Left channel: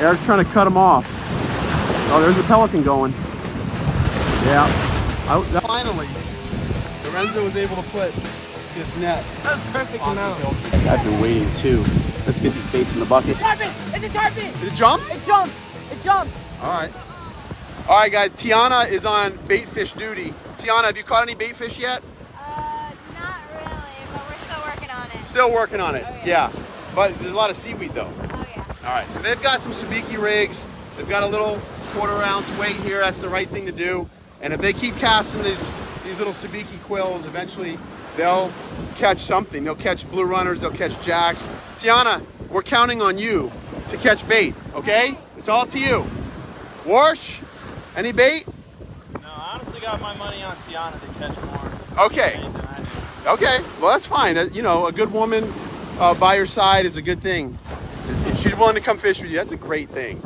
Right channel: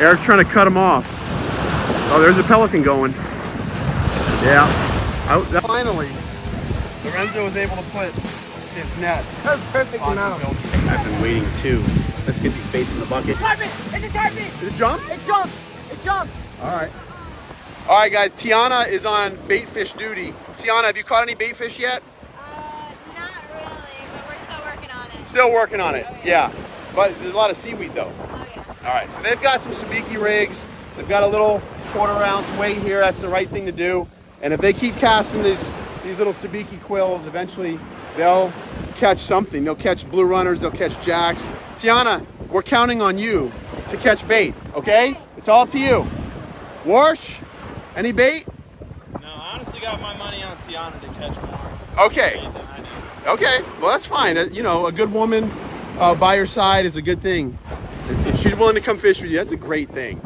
Eric's trying to cut him off. Oh, there's a pelican going. Yeah. Finally, Lorenzo was able to put his net on some pilchards. I've been waiting too. Let's get these baits in the bucket. Carpet! It's a carpet! It jumped? It jumped! It jumped! All right. All right, guys. Tiana is on baitfish duty. Tiana, have you caught any baitfish yet? Not really, but we're still working on it. Still working on it. Yeah. But there's a lot of seaweed though. Oh, yeah. All right. So they've got some sabiki rigs. They've got a little 1/4 ounce weight here. That's the right thing to do. And if they keep casting these little sabiki quills, eventually they'll catch something. They'll catch blue runners. They'll catch jacks. Tiana, we're counting on you to catch bait. Okay? It's all to you. Warsh, any bait? No, I honestly got my money on Tiana to catch more. Okay. Okay. Well, that's fine. You know, a good woman by your side is a good thing. If she's willing to come fish with you, that's a great thing.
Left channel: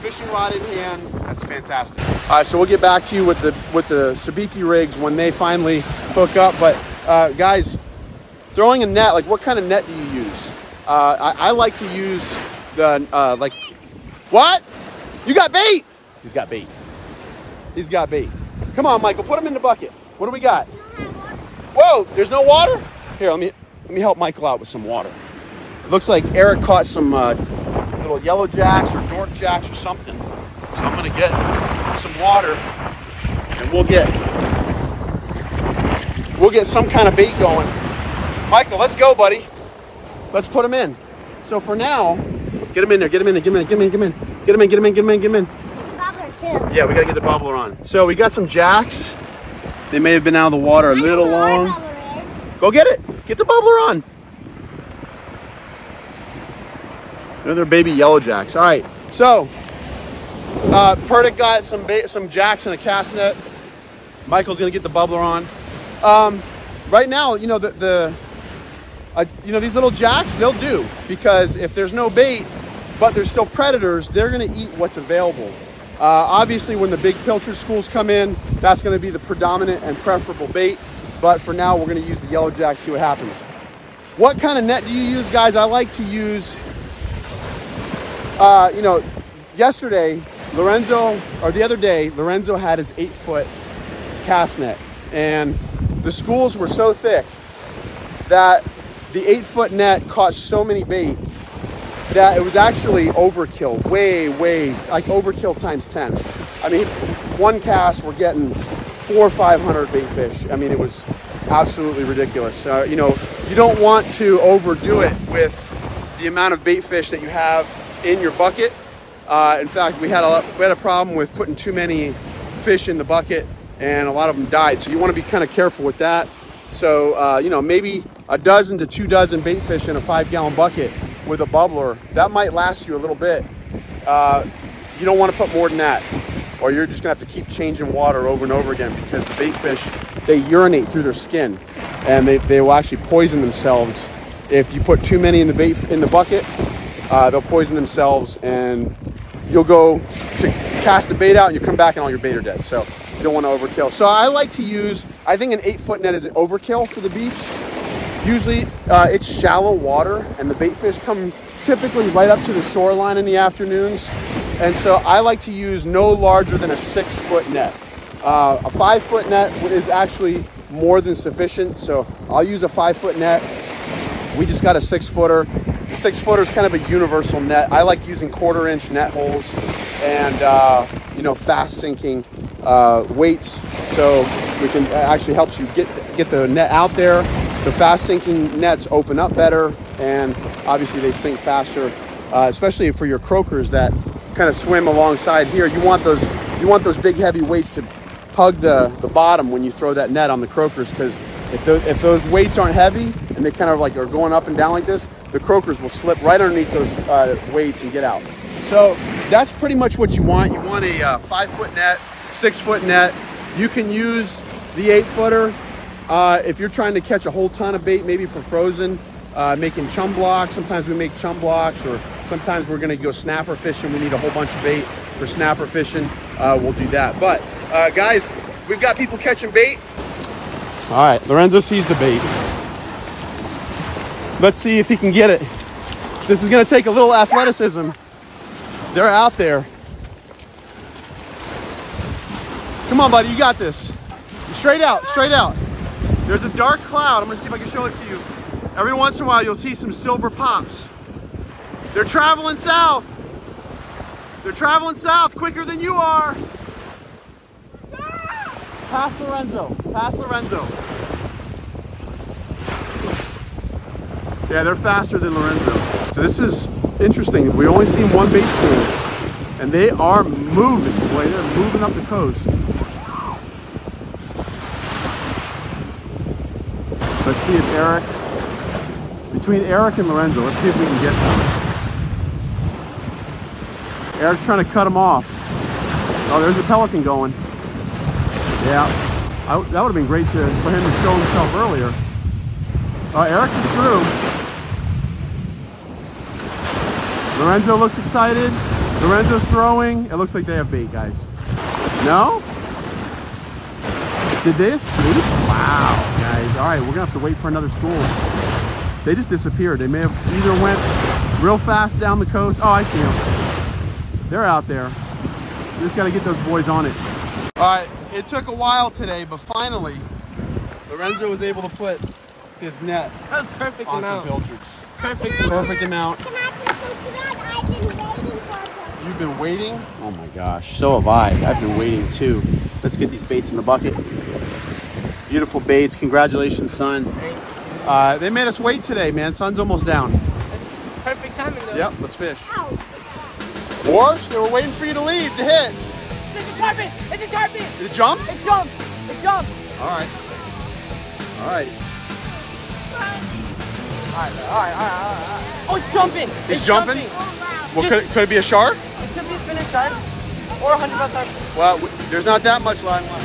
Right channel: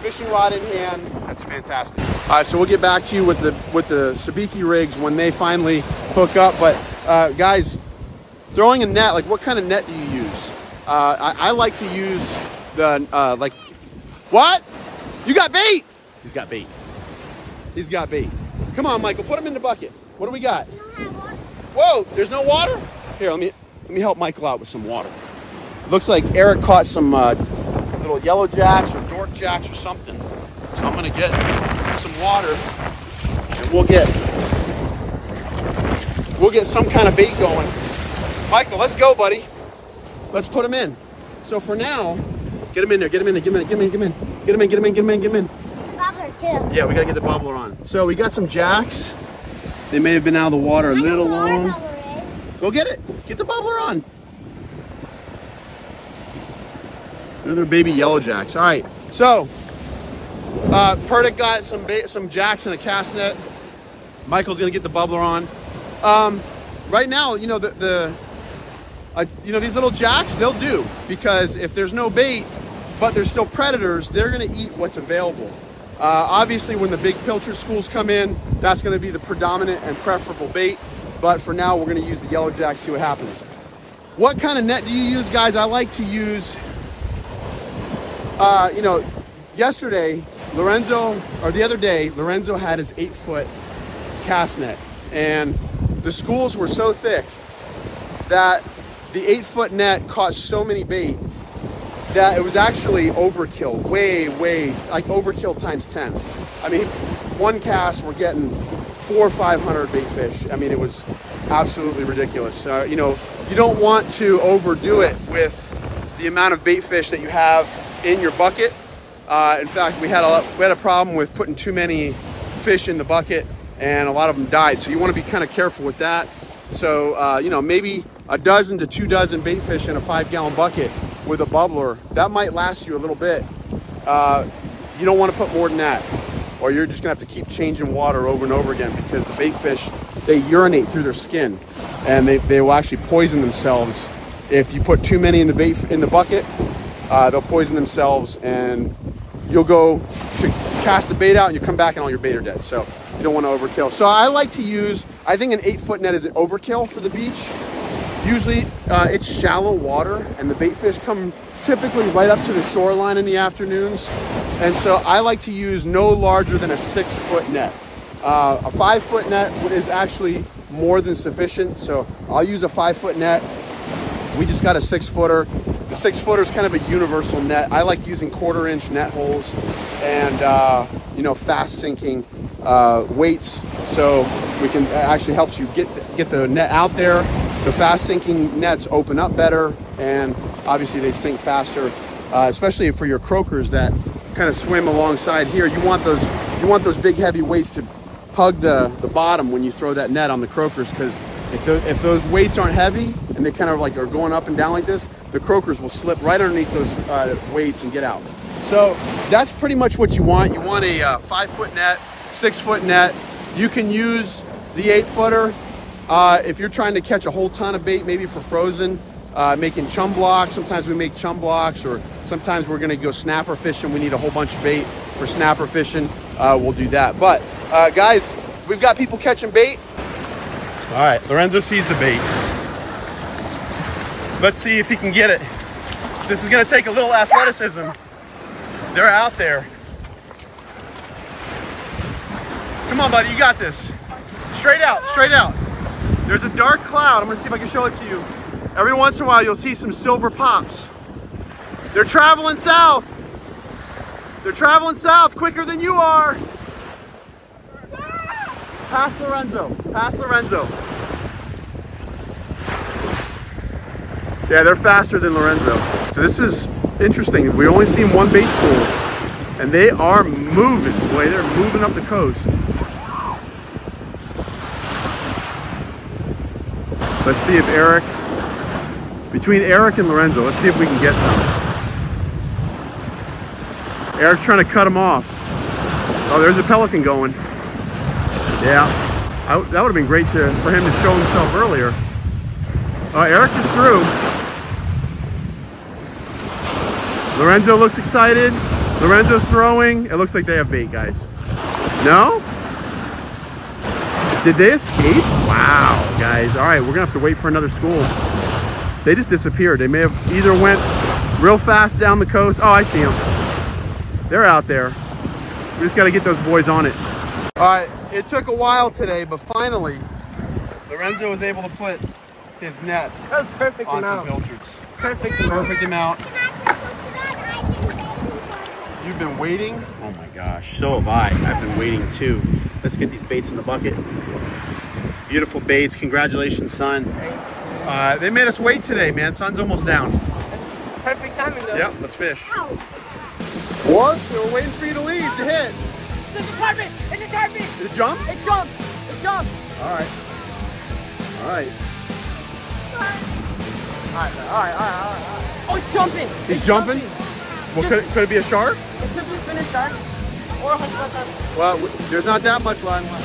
Fishing rod in hand, that's fantastic. All right, so we'll get back to you with the sabiki rigs when they finally hook up. But guys, throwing a net, like what kind of net do you use? I like to use the like, what? You got bait? He's got bait. He's got bait. Come on, Michael, put him in the bucket. What do we got? Whoa, there's no water? Here, let me help Michael out with some water. It looks like Eric caught some little yellow jacks or dork jacks or something. So I'm gonna get some water and we'll get some kind of bait going. Michael, let's go, buddy. Let's put him in. So for now, get him in there, get him in there, get him in, get him in, get him in, get him in, get him in, get him in, get him in. Yeah, we gotta get the bubbler on. So we got some jacks. They may have been out of the water a little long. Go get it. Get the bubbler on. Another baby yellow jacks. All right, so Purdick got some jacks and a cast net. Michael's gonna get the bubbler on. Right now, you know you know these little jacks, they'll do, because if there's no bait but there's still predators, they're gonna eat what's available. Obviously, when the big pilchard schools come in, that's gonna be the predominant and preferable bait. But for now, we're gonna use the yellow jack, see what happens. What kind of net do you use, guys? I like to use, you know, yesterday, the other day, Lorenzo had his 8-foot cast net. And the schools were so thick that the 8-foot net caught so many bait that it was actually overkill, way, like overkill times 10. I mean, one cast, we're getting 400 or 500 bait fish. I mean, it was absolutely ridiculous. You know, you don't want to overdo it with the amount of bait fish that you have in your bucket. In fact, we had a problem with putting too many fish in the bucket, and a lot of them died. So you want to be kind of careful with that. So, you know, maybe a dozen to 2 dozen bait fish in a 5-gallon bucket with a bubbler, that might last you a little bit. You don't want to put more than that, or you're just gonna have to keep changing water over and over again, because the bait fish, they urinate through their skin, and they will actually poison themselves. If you put too many in the bucket, they'll poison themselves, and you'll go to cast the bait out and you come back and all your bait are dead. So you don't want to overkill. So I like to use, I think an 8-foot net is an overkill for the beach. Usually it's shallow water, and the bait fish come typically right up to the shoreline in the afternoons. And so I like to use no larger than a 6-foot net. A 5-foot net is actually more than sufficient. So I'll use a 5-foot net. We just got a 6-footer. The 6-footer is kind of a universal net. I like using 1/4-inch net holes and, you know, fast sinking weights. So we can, actually helps you get the net out there. The fast sinking nets open up better, and obviously they sink faster, especially for your croakers that kind of swim alongside here. You want those big heavy weights to hug the bottom when you throw that net on the croakers, because if those weights aren't heavy and they kind of like are going up and down like this, the croakers will slip right underneath those weights and get out. So that's pretty much what you want. You want a 5-foot net, 6-foot net. You can use the 8-footer if you're trying to catch a whole ton of bait, maybe for frozen, making chum blocks. Sometimes we make chum blocks, or sometimes we're gonna go snapper fishing. We need a whole bunch of bait for snapper fishing. We'll do that. But guys, we've got people catching bait. All right, Lorenzo sees the bait. Let's see if he can get it. This is gonna take a little athleticism. They're out there. Come on, buddy, you got this. Straight out, straight out. There's a dark cloud. I'm gonna see if I can show it to you. Every once in a while, you'll see some silver pops. They're traveling south. They're traveling south quicker than you are. Past Lorenzo, past Lorenzo. Yeah, they're faster than Lorenzo. So this is interesting. We only seen one bait school, and they are moving. Boy, they're moving up the coast. Let's see if Eric, between Eric and Lorenzo, let's see if we can get some. Eric's trying to cut him off. Oh, there's a pelican going. Yeah, that would have been great for him to show himself earlier. Eric is through. Lorenzo looks excited. Lorenzo's throwing. It looks like they have bait, guys. No? Did they escape? Wow, guys. All right, we're gonna have to wait for another school. They just disappeared. They may have either went real fast down the coast. Oh, I see them. They're out there. We just gotta get those boys on it. All right, it took a while today, but finally, Lorenzo was able to put his net That was perfect on amount. some pilchards. Perfect amount. Perfect amount. Can I put this on? I've been waiting for this. You've been waiting? Oh my gosh, so have I. I've been waiting too. Let's get these baits in the bucket. Beautiful baits. Congratulations, son. They made us wait today, man. Sun's almost down. Perfect timing, though. Yep, let's fish. Or they were waiting for you to leave to hit. It's a carpet. It's a carpet. It jumped? It jumped. It jumped. All right. All right. Oh, it's jumping. He's jumping? Well, could it be a shark? It could be a spinner shark or a 100-pound shark. Well, there's not that much line left.